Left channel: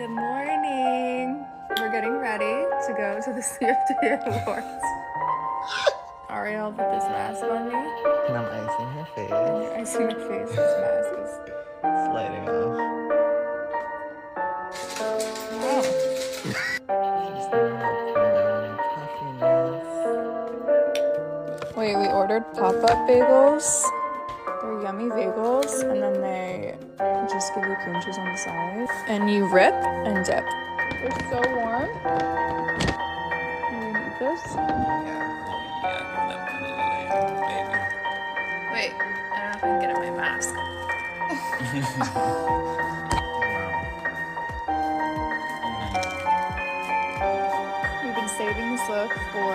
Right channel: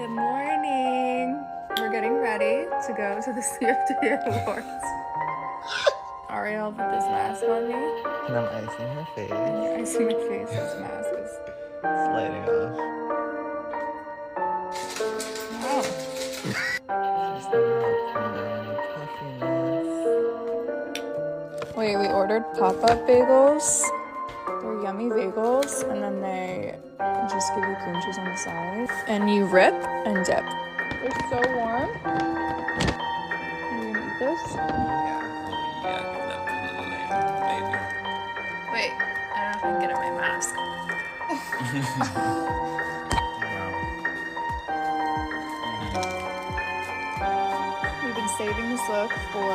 Good morning. We're getting ready to go to the CFDA Awards. Ariel put this mask on me. And I'm icing her face. And you're icing my face. This mask is... Sliding off. Wow. Just need help from down any puffiness. Wait, we ordered pop-up bagels. They're yummy bagels, and then they just give you cream cheese on the side. And you rip and dip. They're so warm. Are you gonna eat this? Yeah. Oh yeah, give that baby. Wait, I don't know if I can get in my mask. Wow. We've been saving this look for